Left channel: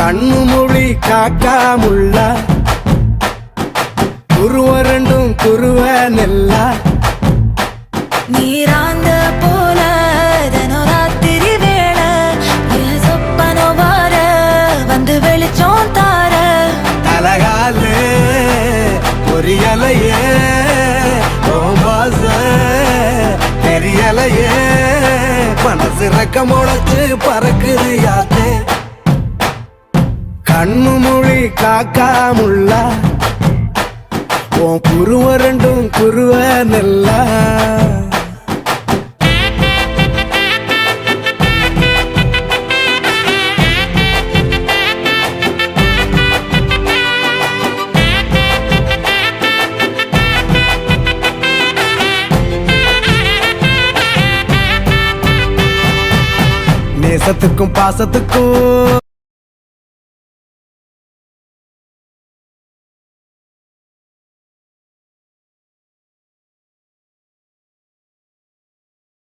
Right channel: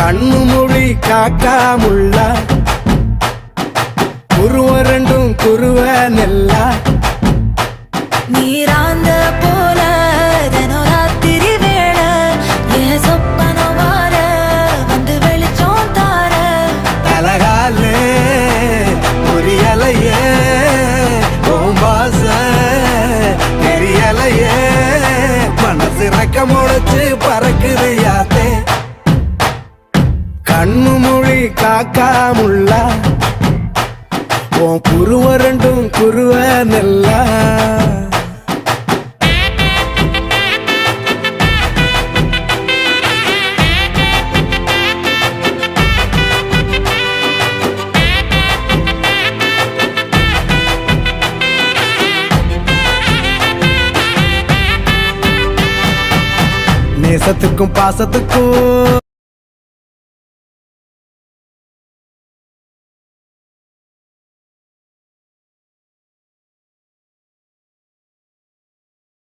கண்ணு மொழி காக்காமுள்ள குருவ ரெண்டும் குருவ நெல்லா நீராங்க போல தினராத்திரி வேளை என் சொப்பனம் மாற வந்து வெளிச்சம் தார தலகாலே பொரியலையே ஓம்பாச பெரியலையே மனசு ரக்க முளைச்சு பறக்குது யாத்தே கண்ணு மொழி காக்காமுள்ள உன் குருவ ரெண்டும் குருவ நெல்லா நேசத்துக்கும் பாசத்துக்கும்